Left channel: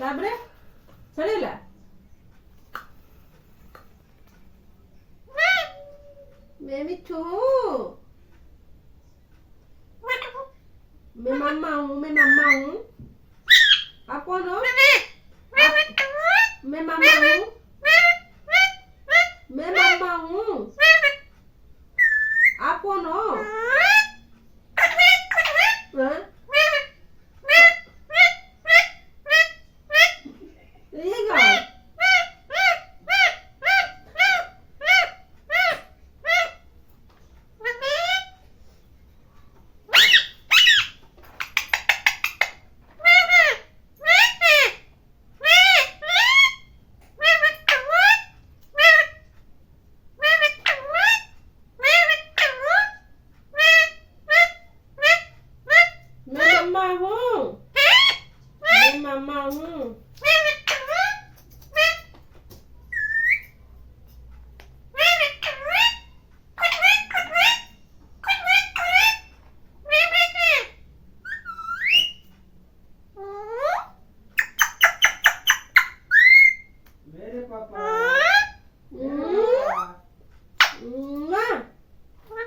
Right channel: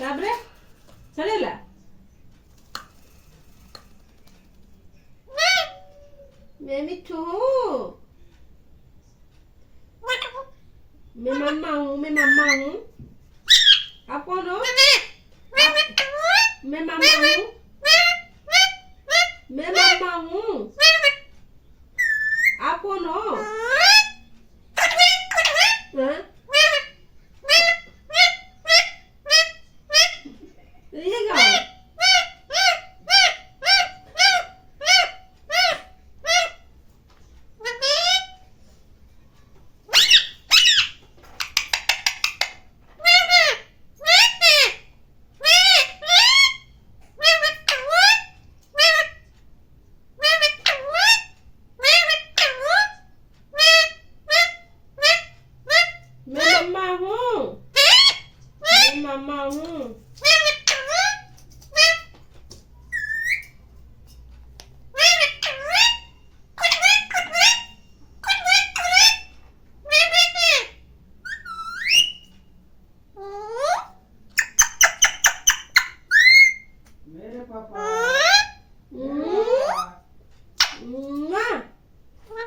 ତାପରେ ସରିଗଲା ମିଠୁ मैं मम्मा हूँ आप कौन हो मैं मम्मा हूँ आप कौन हो हाँ? ये क्या मैं मम्मा हूँ